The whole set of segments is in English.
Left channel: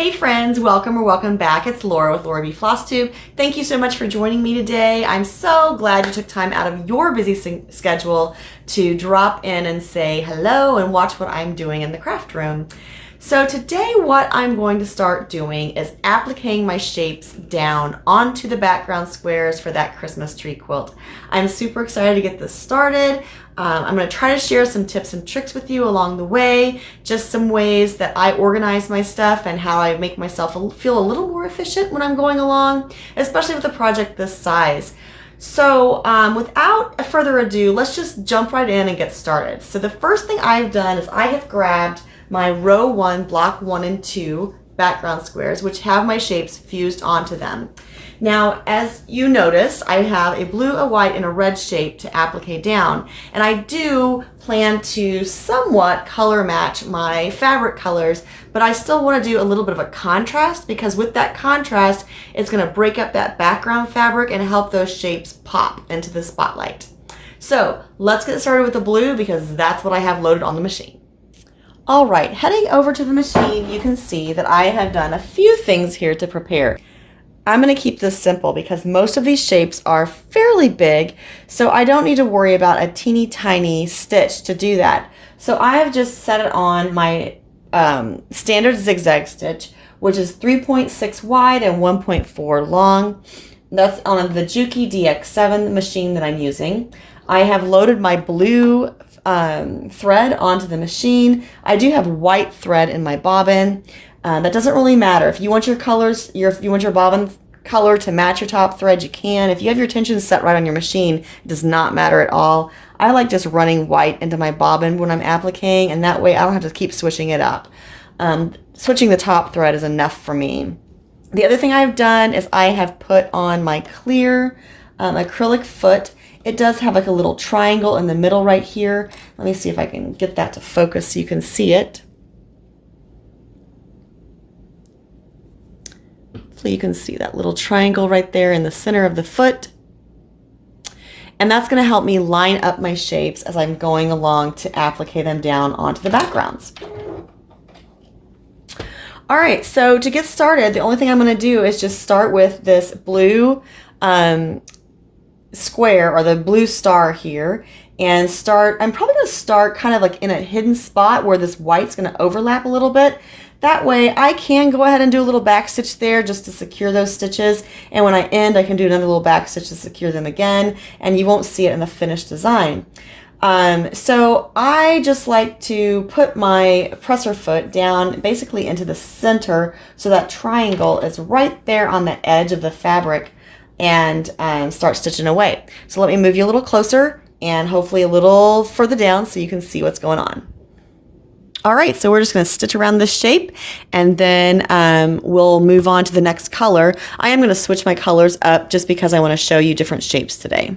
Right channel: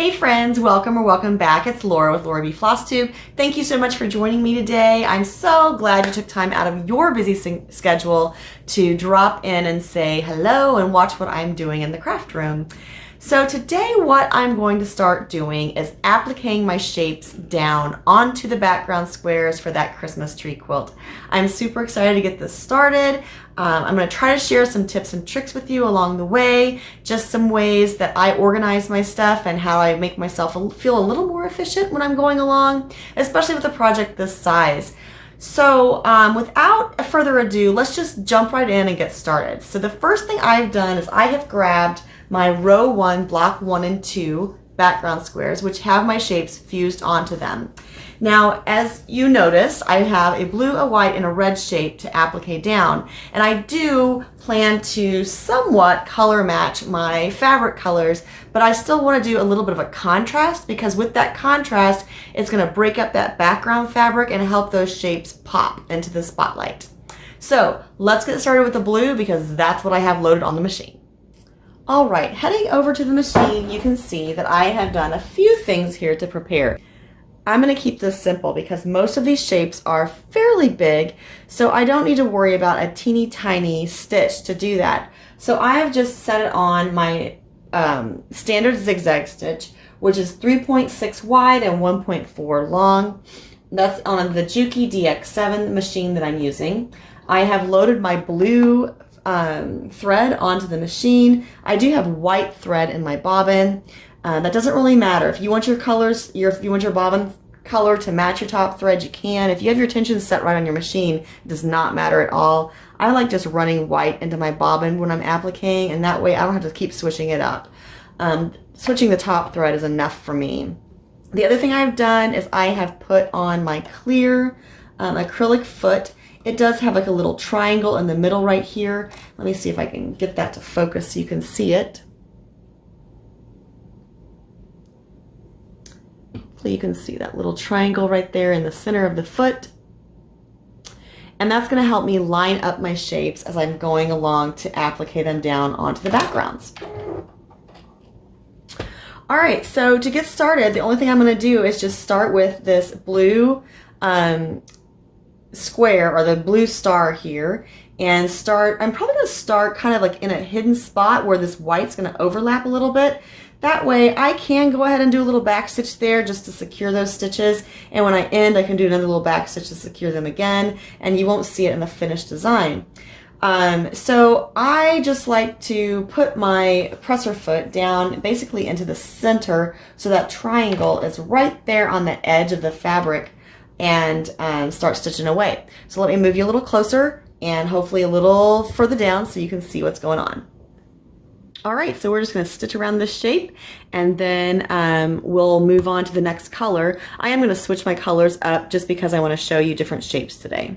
Hey friends, welcome or welcome back. It's Laura with Laura B Floss Tube. Thank you so much for joining me today. I'm so glad you took time out of your busy schedule to drop in and say hello and watch what I'm doing in the craft room. So today what I'm going to start doing is appliquing my shapes down onto the background squares for that Christmas tree quilt. I'm super excited to get this started. I'm going to try to share some tips and tricks with you along the way, just some ways that I organize my stuff and how I make myself feel a little more efficient when I'm going along, especially with a project this size. So without further ado, let's just jump right in and get started. So the first thing I've done is I have grabbed my row 1, block 1 and 2 background squares, which have my shapes fused onto them. Now, as you notice, I have a blue, a white, and a red shape to applique down, and I do plan to somewhat color match my fabric colors, but I still want to do a little bit of a contrast, because with that contrast, it's going to break up that background fabric and help those shapes pop into the spotlight. So let's get started with the blue, because that's what I have loaded on the machine. All right, heading over to the machine, you can see that I have done a few things here to prepare. I'm going to keep this simple because most of these shapes are fairly big, so I don't need to worry about a teeny tiny stitch to do that. So I have just set it on my standard zigzag stitch, which is 3.6 wide and 1.4 long. That's on the Juki DX7 machine that I'm using. I have loaded my blue thread onto the machine. I do have white thread in my bobbin. That doesn't really matter. If you want your colors, if you want your bobbin color to match your top thread, you can. If you have your tension set right on your machine, it does not matter at all. I like just running white into my bobbin when I'm appliquing, and that way I don't have to keep switching it up. Switching the top thread is enough for me. The other thing I've done is I have put on my clear acrylic foot. It does have like a little triangle in the middle right here. Let me see if I can get that to focus so you can see it. Hopefully you can see that little triangle right there in the center of the foot. And that's going to help me line up my shapes as I'm going along to applique them down onto the backgrounds. All right, so to get started, the only thing I'm going to do is just start with this blue square, or the blue star here, and I'm probably going to start kind of like in a hidden spot where this white's going to overlap a little bit. That way I can go ahead and do a little back stitch there just to secure those stitches, and when I end I can do another little back stitch to secure them again, and you won't see it in the finished design. So I just like to put my presser foot down basically into the center so that triangle is right there on the edge of the fabric, and start stitching away. So let me move you a little closer and hopefully a little further down so you can see what's going on. All right, so we're just going to stitch around this shape, and then we'll move on to the next color. I am going to switch my colors up just because I want to show you different shapes today.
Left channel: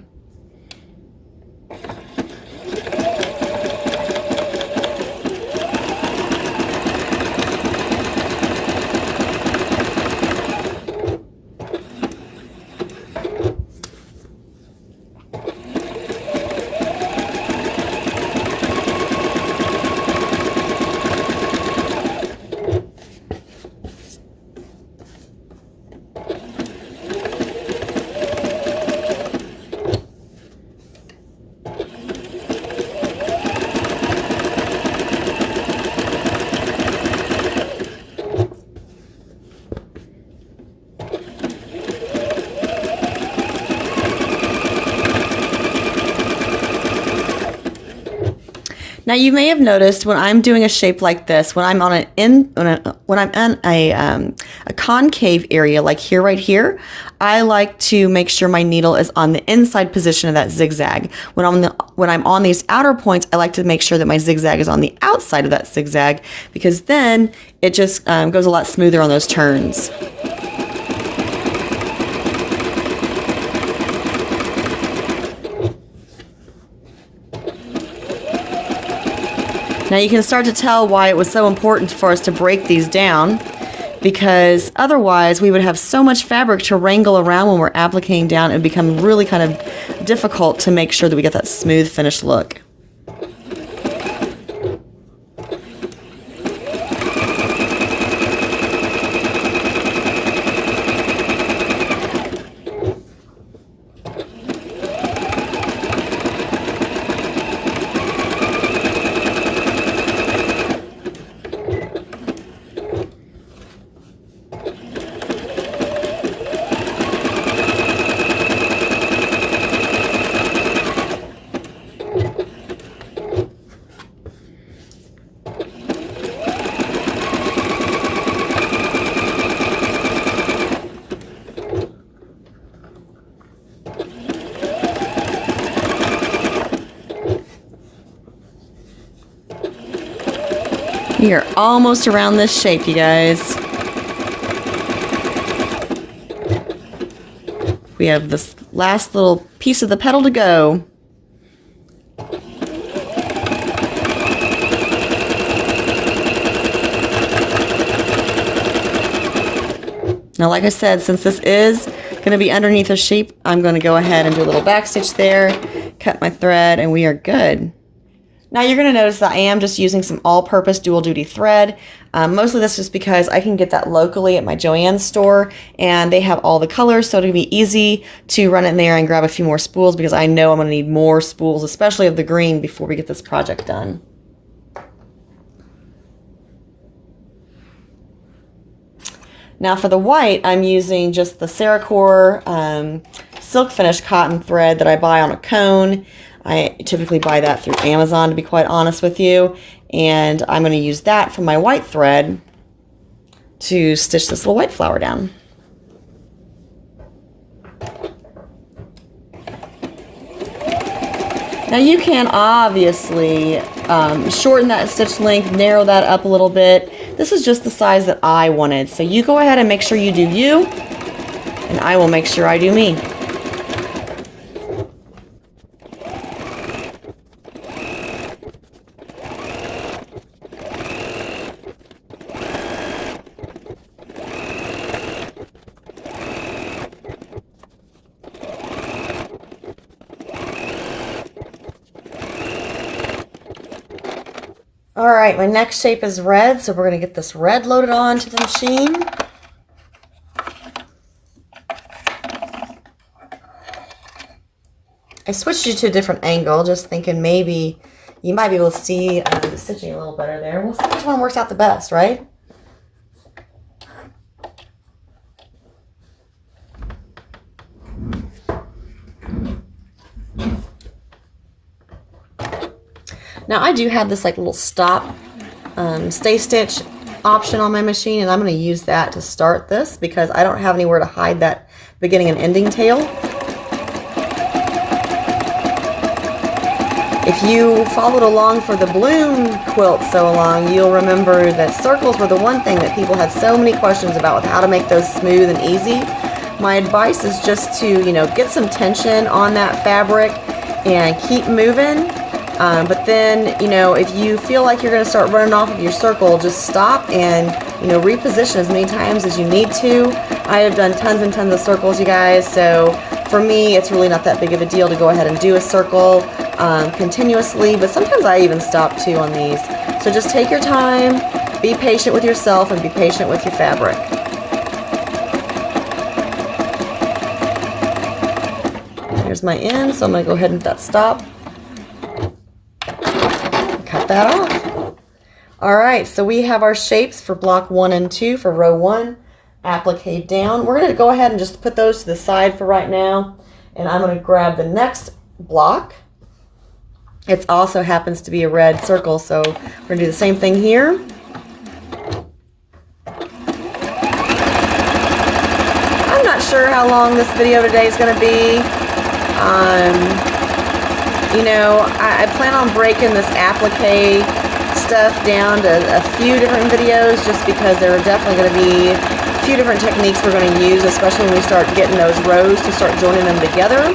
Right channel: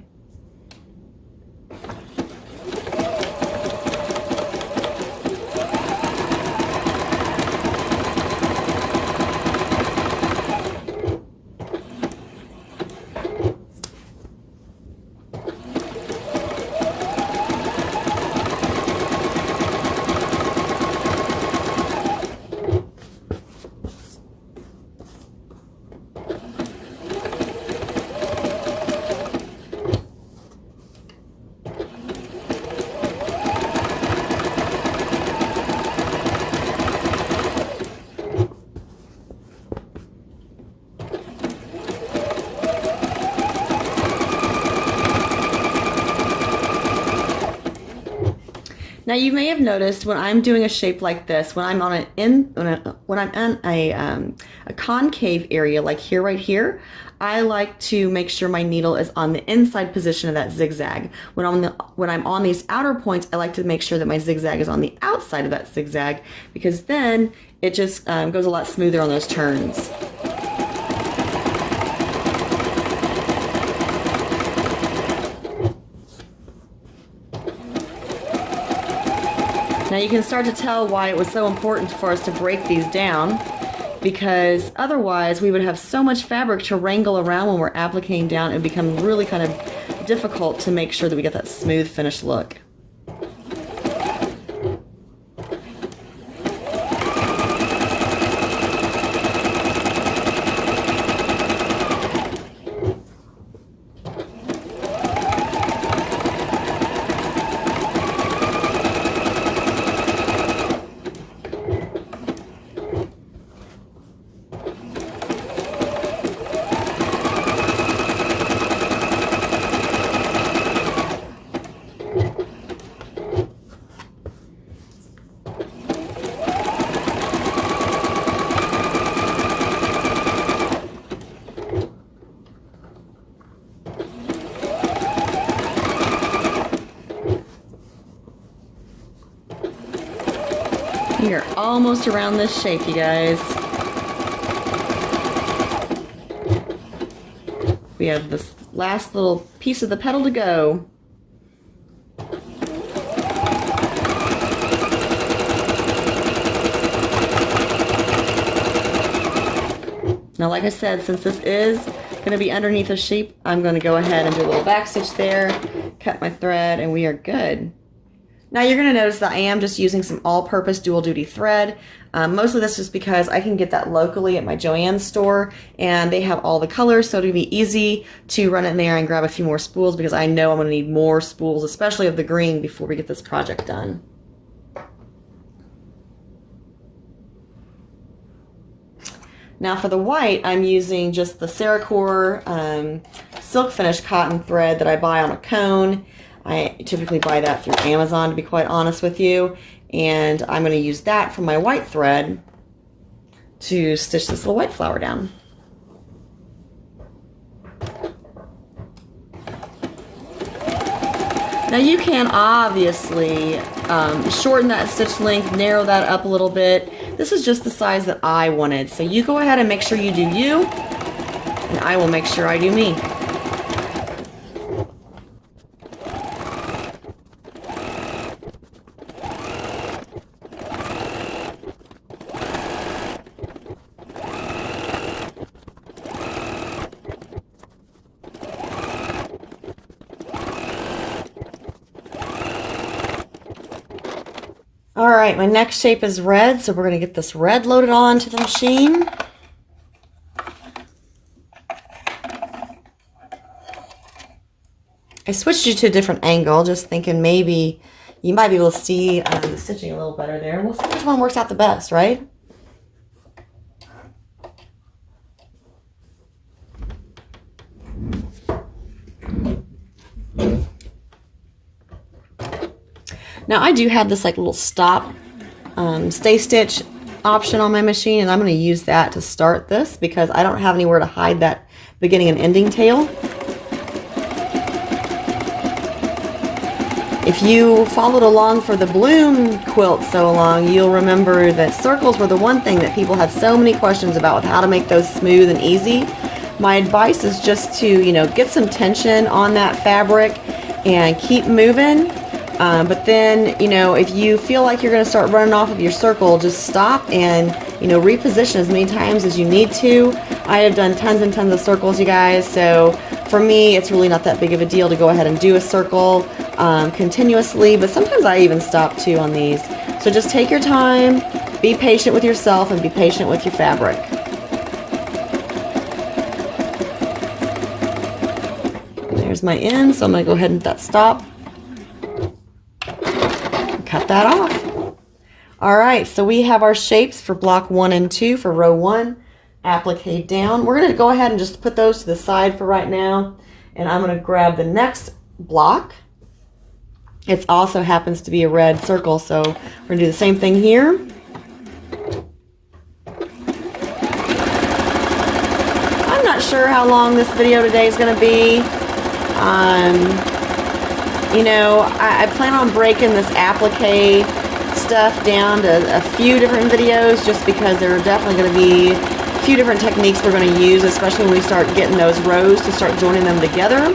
Now you may have noticed when I'm doing a shape like this, when I'm on when I'm in a concave area like here, right here, I like to make sure my needle is on the inside position of that zigzag. When I'm on these outer points, I like to make sure that my zigzag is on the outside of that zigzag, because then it just goes a lot smoother on those turns. Now you can start to tell why it was so important for us to break these down, because otherwise we would have so much fabric to wrangle around when we're appliquing down. It would become really kind of difficult to make sure that we get that smooth finished look. We are almost around this shape, you guys. We have this last little piece of the petal to go. Now, like I said, since this is going to be underneath a shape, I'm going to go ahead and do a little back stitch there, cut my thread, and we are good. Now you're going to notice that I am just using some all-purpose dual duty thread. Most of this is because I can get that locally at my Joann's store, and they have all the colors, so it'll be easy to run in there and grab a few more spools, because I know I'm going to need more spools, especially of the green, before we get this project done. Now for the white, I'm using just the Ceracore silk finish cotton thread that I buy on a cone. I typically buy that through Amazon, to be quite honest with you. And I'm going to use that for my white thread to stitch this little white flower down. Now you can obviously shorten that stitch length, narrow that up a little bit. This is just the size that I wanted. So you go ahead and make sure you do you, and I will make sure I do me. All right, my next shape is red, so we're going to get this red loaded on to the machine. I switched you to a different angle, just thinking maybe you might be able to see the stitching a little better there. We'll see which one works out the best, right? Now I do have this like little stop stay stitch option on my machine, and I'm going to use that to start this because I don't have anywhere to hide that beginning and ending tail. If you followed along for the bloom quilt so long, you'll remember that circles were the one thing that people had so many questions about with how to make those smooth and easy. My advice is just to, get some tension on that fabric and keep moving. But then, if you feel like you're going to start running off of your circle, just stop and, reposition as many times as you need to. I have done tons and tons of circles, you guys, so for me, it's really not that big of a deal to go ahead and do a circle continuously, but sometimes I even stop too on these. So just take your time, be patient with yourself, and be patient with your fabric. There's my end, so I'm going to go ahead and hit that stop. Cut that off. All right, so we have our shapes for block 1 and 2 for row 1, applique down. We're going to go ahead and just put those to the side for right now, and I'm going to grab the next block. It also happens to be a red circle, so we're going to do the same thing here. I'm not sure how long this video today is going to be. I plan on breaking this applique stuff down to a few different videos just because there are definitely going to be a few different techniques we're going to use, especially when we start getting those rows to start joining them together.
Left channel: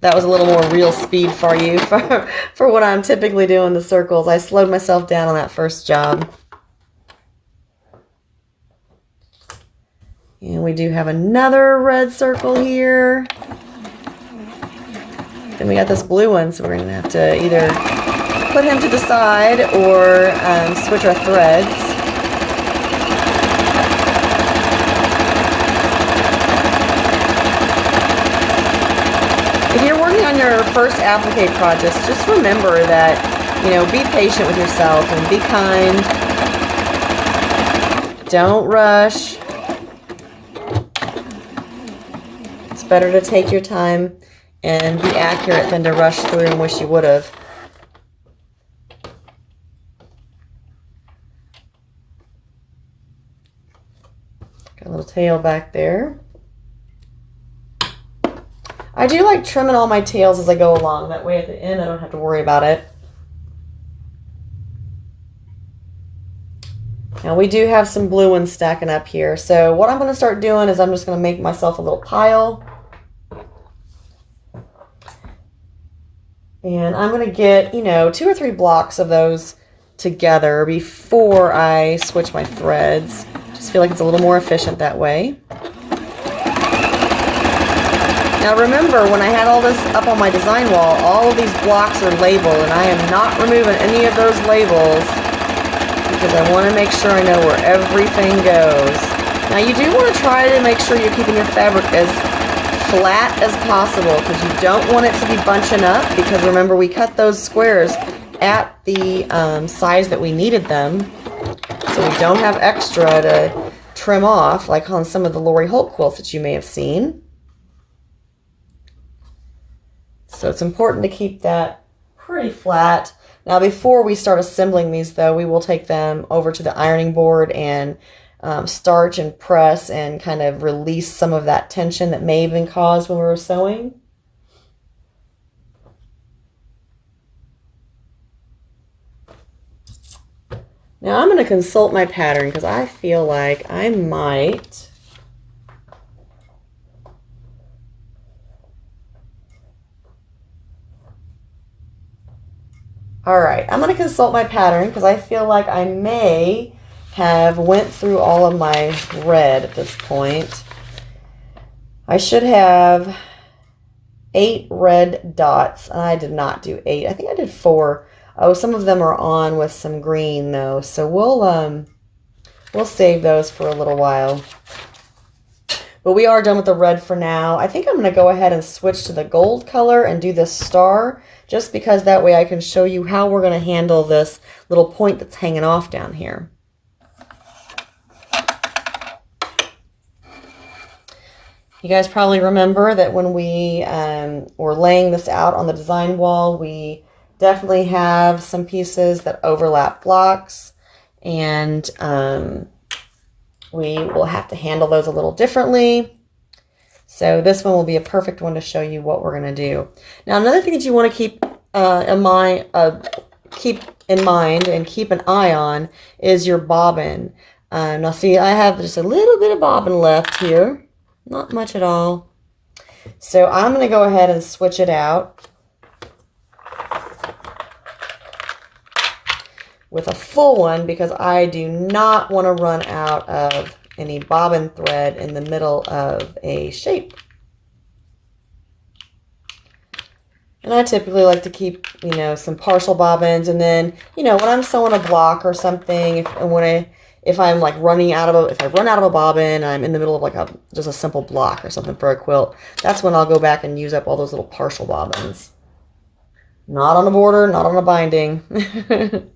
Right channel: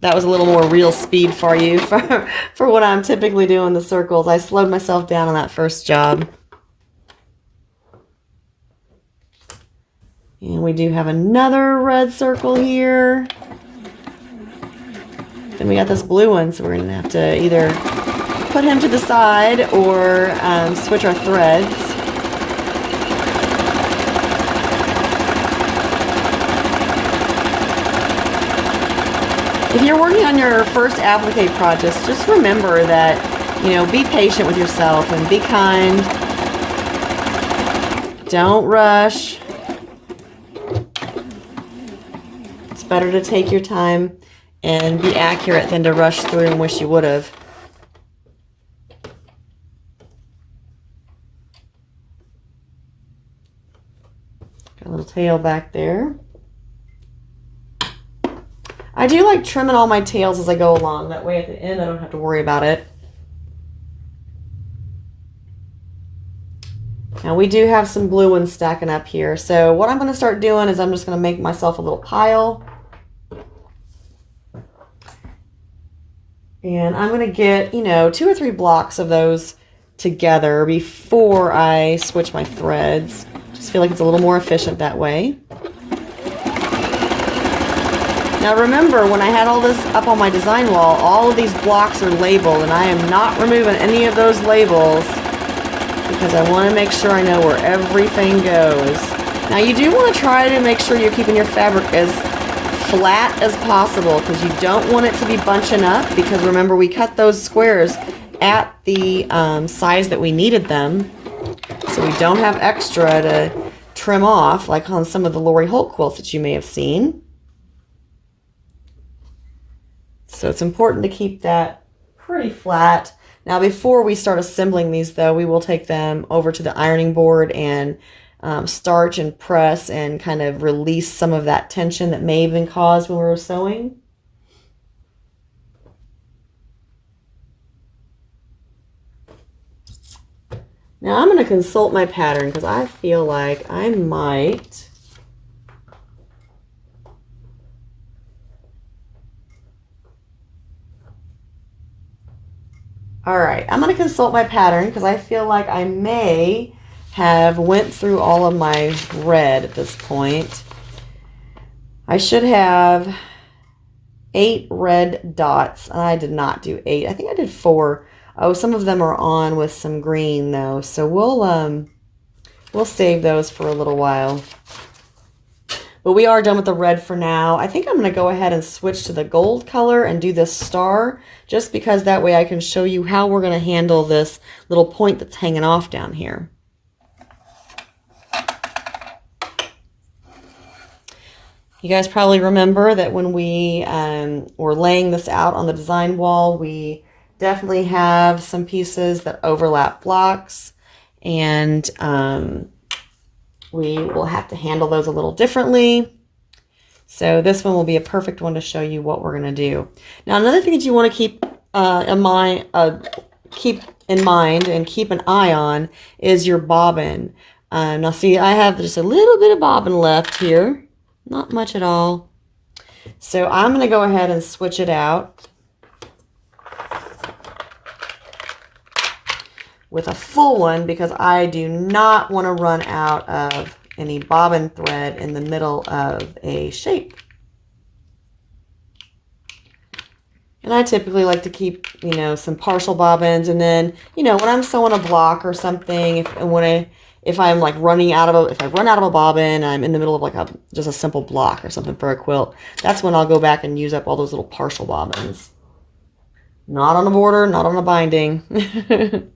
That was a little more real speed for you for what I'm typically doing the circles. I slowed myself down on that first job. And we do have another red circle here. Then we got this blue one, so we're going to have to either put him to the side or switch our threads. If you're working on your first applique projects, just remember that, be patient with yourself and be kind. Don't rush. It's better to take your time and be accurate than to rush through and wish you would have. Got a little tail back there. I do like trimming all my tails as I go along. That way at the end I don't have to worry about it. Now we do have some blue ones stacking up here. So what I'm going to start doing is I'm just going to make myself a little pile. And I'm going to get, you know, 2 or 3 blocks of those together before I switch my threads. Just feel like it's a little more efficient that way. Now remember, when I had all this up on my design wall, all of these blocks are labeled, and I am not removing any of those labels because I want to make sure I know where everything goes. Now you do want to try to make sure you're keeping your fabric as flat as possible because you don't want it to be bunching up, because remember, we cut those squares at the size that we needed them, so we don't have extra to trim off like on some of the Lori Holt quilts that you may have seen. So it's important to keep that pretty flat. Now before we start assembling these though, we will take them over to the ironing board and starch and press and kind of release some of that tension that may have been caused when we were sewing. Now I'm going to consult my pattern because I feel like I might Alright, I'm going to consult my pattern because I feel like I may have went through all of my red at this point. I should have 8 red dots, and I did not do 8. I think I did 4. Oh, some of them are on with some green though, so we'll save those for a little while. But we are done with the red for now. I think I'm going to go ahead and switch to the gold color and do this star, just because that way I can show you how we're going to handle this little point that's hanging off down here. You guys probably remember that when we were laying this out on the design wall, we definitely have some pieces that overlap blocks, and we will have to handle those a little differently. So this one will be a perfect one to show you what we're going to do. Now another thing that you want to keep in mind and keep an eye on is your bobbin. Now see, I have just a little bit of bobbin left here. Not much at all. So I'm going to go ahead and switch it out with a full one because I do not want to run out of any bobbin thread in the middle of a shape. And I typically like to keep, you know, some partial bobbins, and then, you know, when I'm sewing a block or something, if I'm like if I run out of a bobbin and I'm in the middle of like just a simple block or something for a quilt, that's when I'll go back and use up all those little partial bobbins. Not on a border, not on a binding.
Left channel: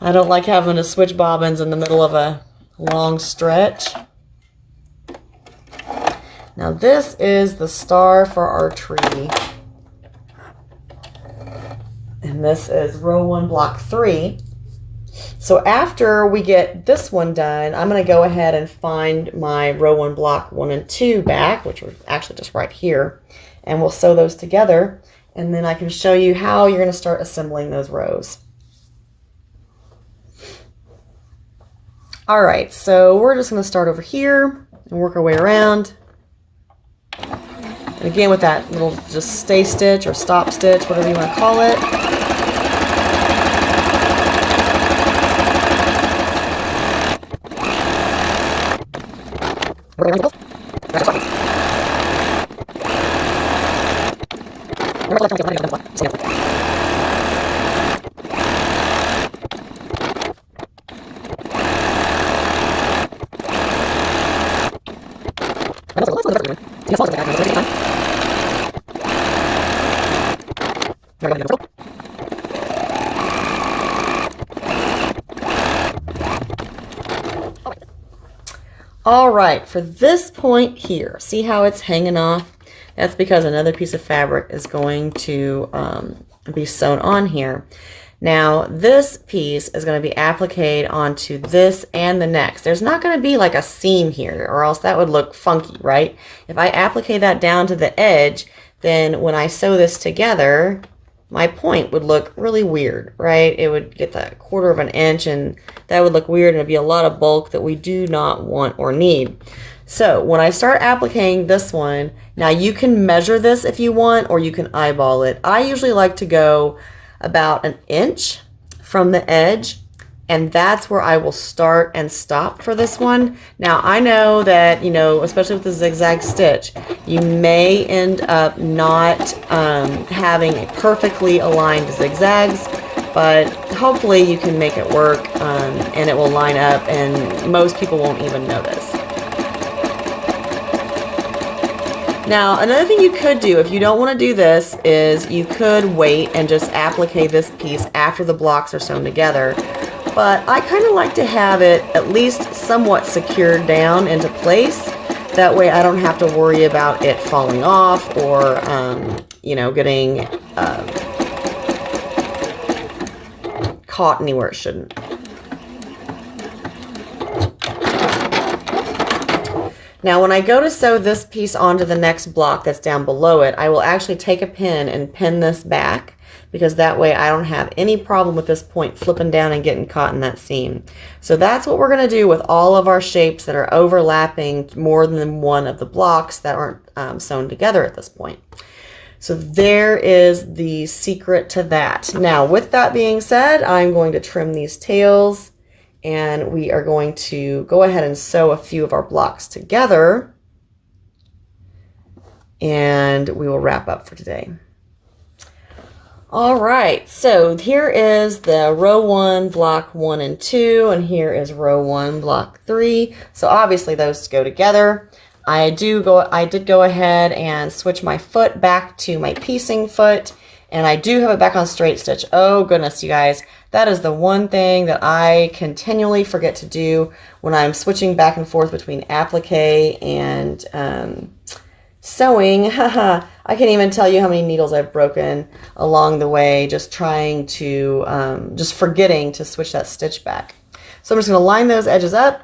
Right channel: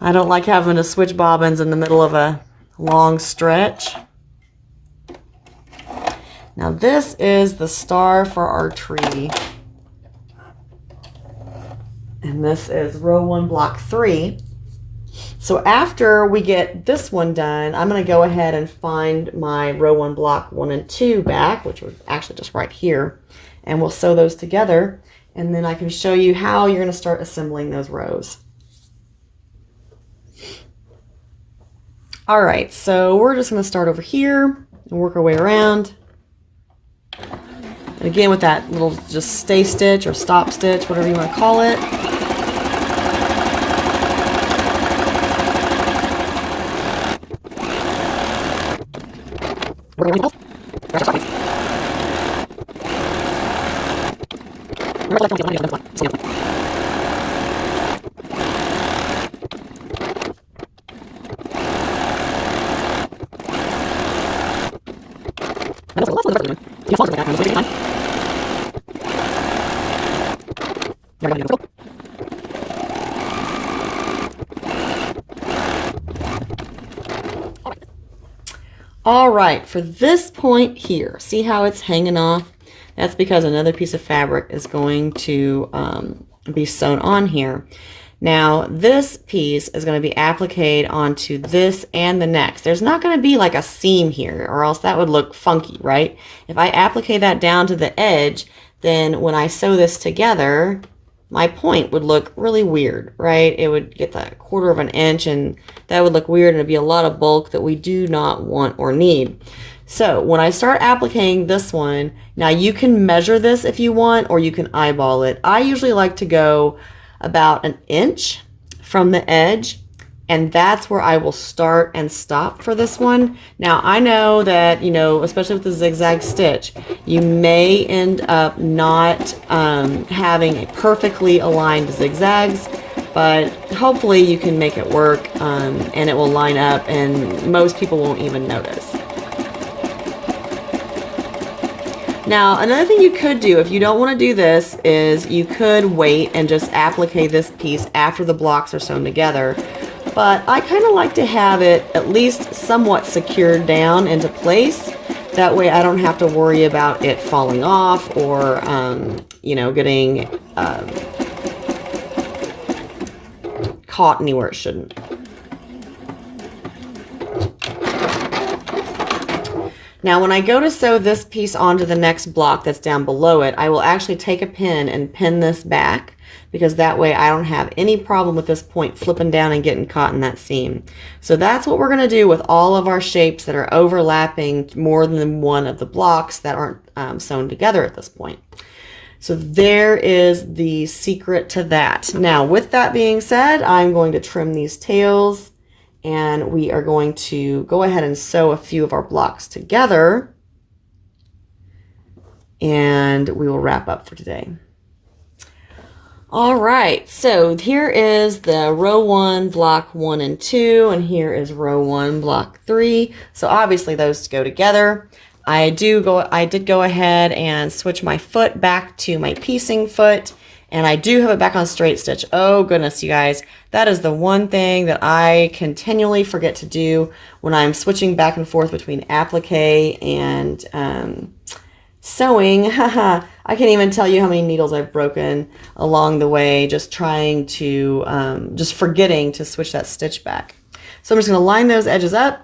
I don't like having to switch bobbins in the middle of a long stretch. Now this is the star for our tree. And this is row 1, block 3. So after we get this one done, I'm going to go ahead and find my row 1, block 1 and 2 back, which are actually just right here. And we'll sew those together. And then I can show you how you're going to start assembling those rows. All right, so we're just going to start over here and work our way around. And again, with that little just stay stitch or stop stitch, whatever you want to call it. All right, for this point here, see how it's hanging off? That's because another piece of fabric is going to be sewn on here. Now, this piece is going to be appliqued onto this and the next. There's not going to be like a seam here, or else that would look funky, right? If I applique that down to the edge, then when I sew this together, my point would look really weird, right? It would get that 1/4 of an inch, and that would look weird, and it'd be a lot of bulk that we do not want or need. So when I start appliquing this one, now you can measure this if you want, or you can eyeball it. I usually like to go about 1 inch from the edge, and that's where I will start and stop for this one. Now I know that, you know, especially with the zigzag stitch, you may end up not having a perfectly aligned zigzags, but hopefully you can make it work, and it will line up, and most people won't even notice. Now, another thing you could do if you don't want to do this is you could wait and just applique this piece after the blocks are sewn together. But I kind of like to have it at least somewhat secured down into place. That way I don't have to worry about it falling off or, you know, getting caught anywhere it shouldn't. Now when I go to sew this piece onto the next block that's down below it, I will actually take a pin and pin this back, because that way I don't have any problem with this point flipping down and getting caught in that seam. So that's what we're going to do with all of our shapes that are overlapping more than one of the blocks that aren't sewn together at this point. So there is the secret to that. Now with that being said, I'm going to trim these tails, and we are going to go ahead and sew a few of our blocks together, and we will wrap up for today. All right, so here is the row 1, block 1 and 2, and here is row 1, block 3. So obviously those go together. I did go ahead and switch my foot back to my piecing foot, and I do have it back on straight stitch. Oh goodness, you guys, that is the one thing that I continually forget to do when I'm switching back and forth between applique and sewing. I can't even tell you how many needles I've broken along the way just trying to, just forgetting to switch that stitch back. So I'm just going to line those edges up,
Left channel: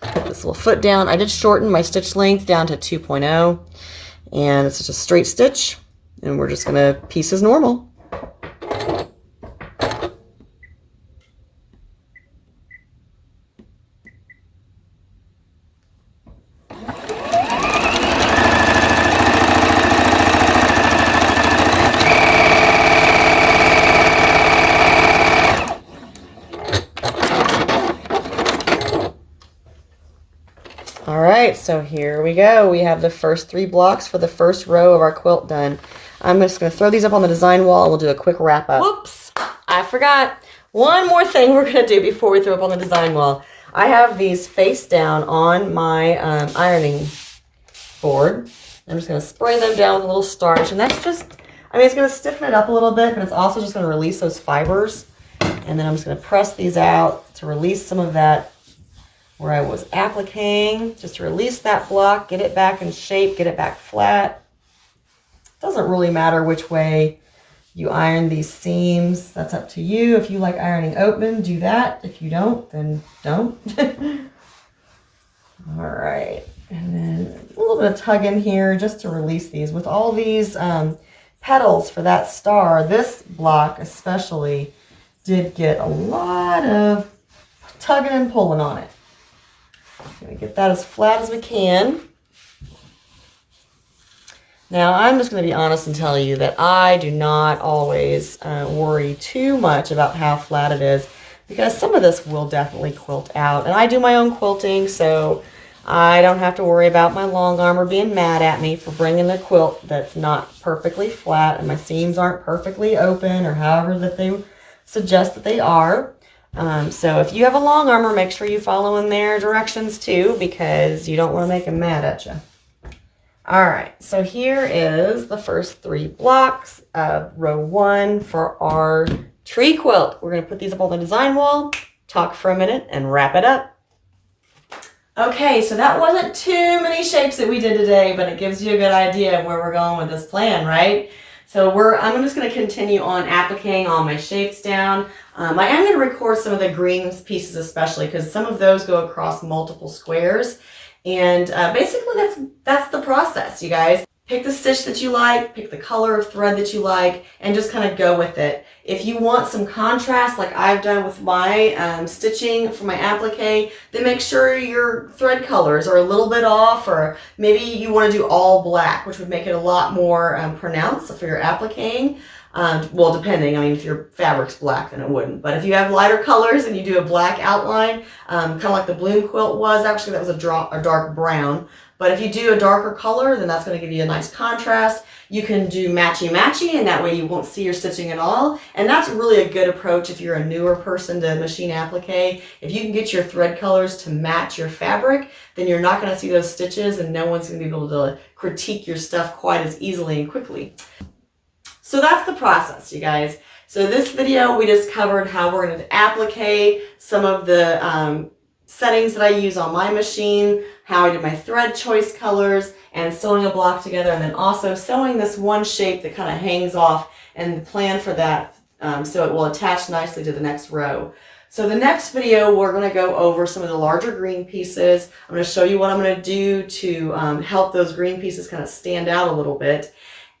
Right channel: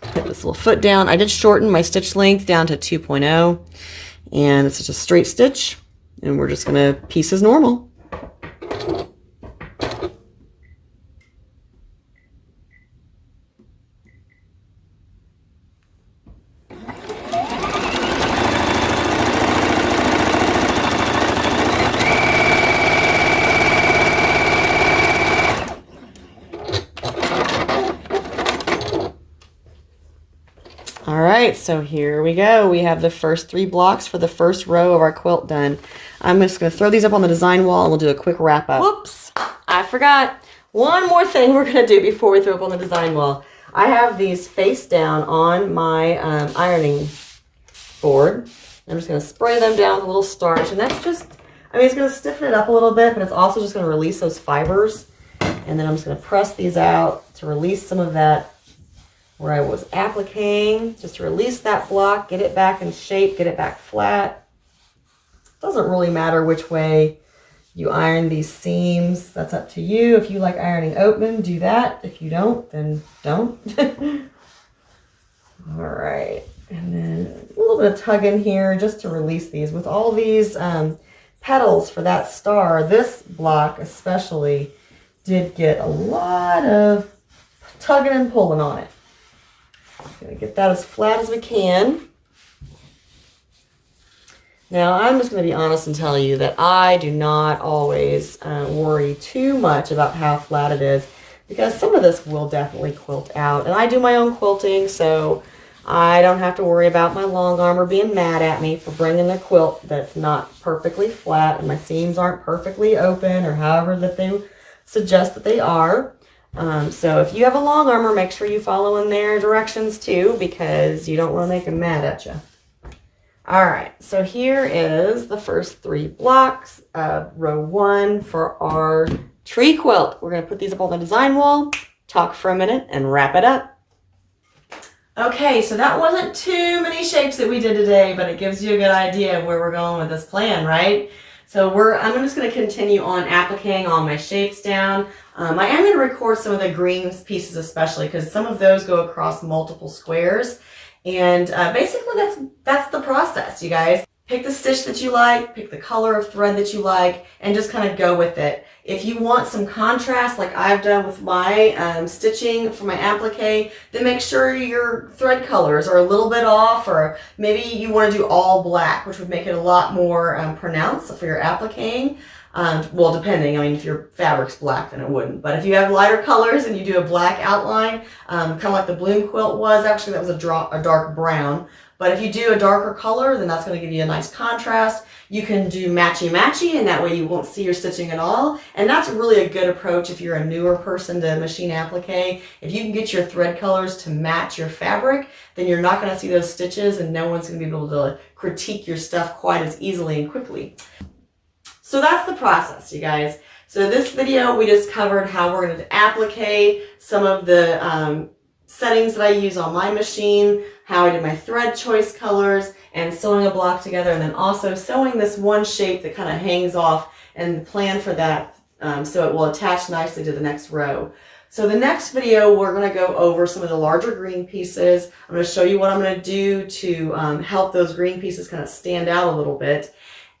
put this little foot down. I did shorten my stitch length down to 2.0, and it's just a straight stitch, and we're just going to piece as normal. All right, so here we go. We have the first 3 blocks for the first row of our quilt done. I'm just going to throw these up on the design wall, and we'll do a quick wrap up. Whoops, I forgot. One more thing we're going to do before we throw up on the design wall. I have these face down on my ironing board. I'm just going to spray them down with a little starch, and that's just, I mean, it's going to stiffen it up a little bit, but it's also just going to release those fibers. And then I'm just going to press these out to release some of that where I was appliquing, just to release that block, get it back in shape, get it back flat. Doesn't really matter which way you iron these seams. That's up to you. If you like ironing open, do that. If you don't, then don't. All right, and then a little bit of tugging here just to release these. With all these petals for that star, this block especially did get a lot of tugging and pulling on it. Gonna get that as flat as we can. Now I'm just going to be honest and tell you that I do not always worry too much about how flat it is, because some of this will definitely quilt out, and I do my own quilting, so I don't have to worry about my long armer being mad at me for bringing the quilt that's not perfectly flat and my seams aren't perfectly open, or however that they suggest that they are. So if you have a long armer, make sure you follow in their directions too, because you don't want to make them mad at you. All right, so here is the first 3 blocks of row 1 for our tree quilt. We're going to put these up on the design wall, talk for a minute, and wrap it up. Okay, so that wasn't too many shapes that we did today, but it gives you a good idea of where we're going with this plan, right? So I'm just going to continue on appliquing all my shapes down. I am going to record some of the greens pieces especially, because some of those go across multiple squares. And basically that's the process, you guys. Pick the stitch that you like, pick the color of thread that you like, and just kind of go with it. If you want some contrast, like I've done with my stitching for my applique, then make sure your thread colors are a little bit off, or maybe you want to do all black, which would make it a lot more pronounced for your appliquing. Well, depending. I mean, if your fabric's black, then it wouldn't. But if you have lighter colors and you do a black outline, kind of like the bloom quilt was, actually that was a dark brown. But if you do a darker color, then that's going to give you a nice contrast. You can do matchy-matchy, and that way you won't see your stitching at all. And that's really a good approach if you're a newer person to machine applique. If you can get your thread colors to match your fabric, then you're not going to see those stitches, and no one's going to be able to critique your stuff quite as easily and quickly. So that's the process, you guys. So this video, we just covered how we're going to applique, some of the settings that I use on my machine, how I did my thread choice colors, and sewing a block together, and then also sewing this one shape that kind of hangs off, and the plan for that so it will attach nicely to the next row. So the next video, we're going to go over some of the larger green pieces. I'm going to show you what I'm going to do to help those green pieces kind of stand out a little bit.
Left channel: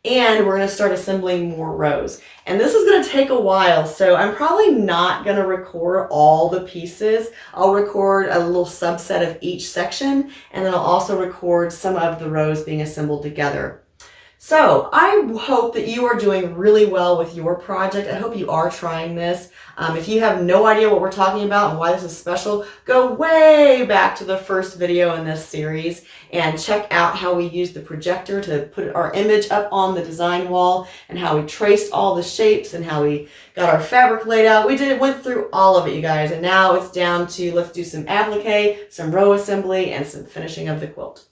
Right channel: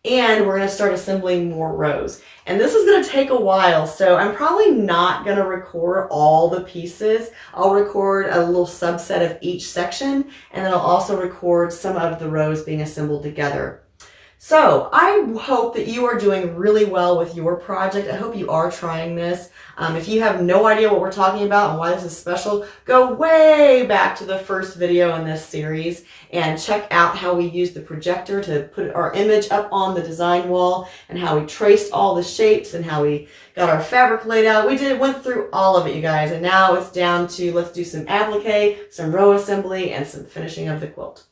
And we're going to start assembling more rows. And this is going to take a while, so I'm probably not going to record all the pieces. I'll record a little subset of each section, and then I'll also record some of the rows being assembled together. So I hope that you are doing really well with your project. I hope you are trying this. If you have no idea what we're talking about and why this is special, go way back to the first video in this series and check out how we used the projector to put our image up on the design wall, and how we traced all the shapes and how we got our fabric laid out. Went through all of it, you guys, and now it's down to let's do some applique, some row assembly, and some finishing of the quilt.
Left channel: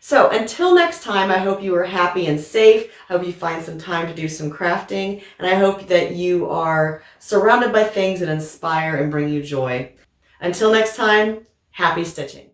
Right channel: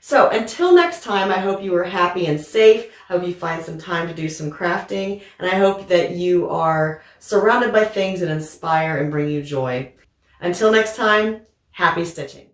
So until next time, I hope you are happy and safe. I hope you find some time to do some crafting, and I hope that you are surrounded by things that inspire and bring you joy. Until next time, happy stitching.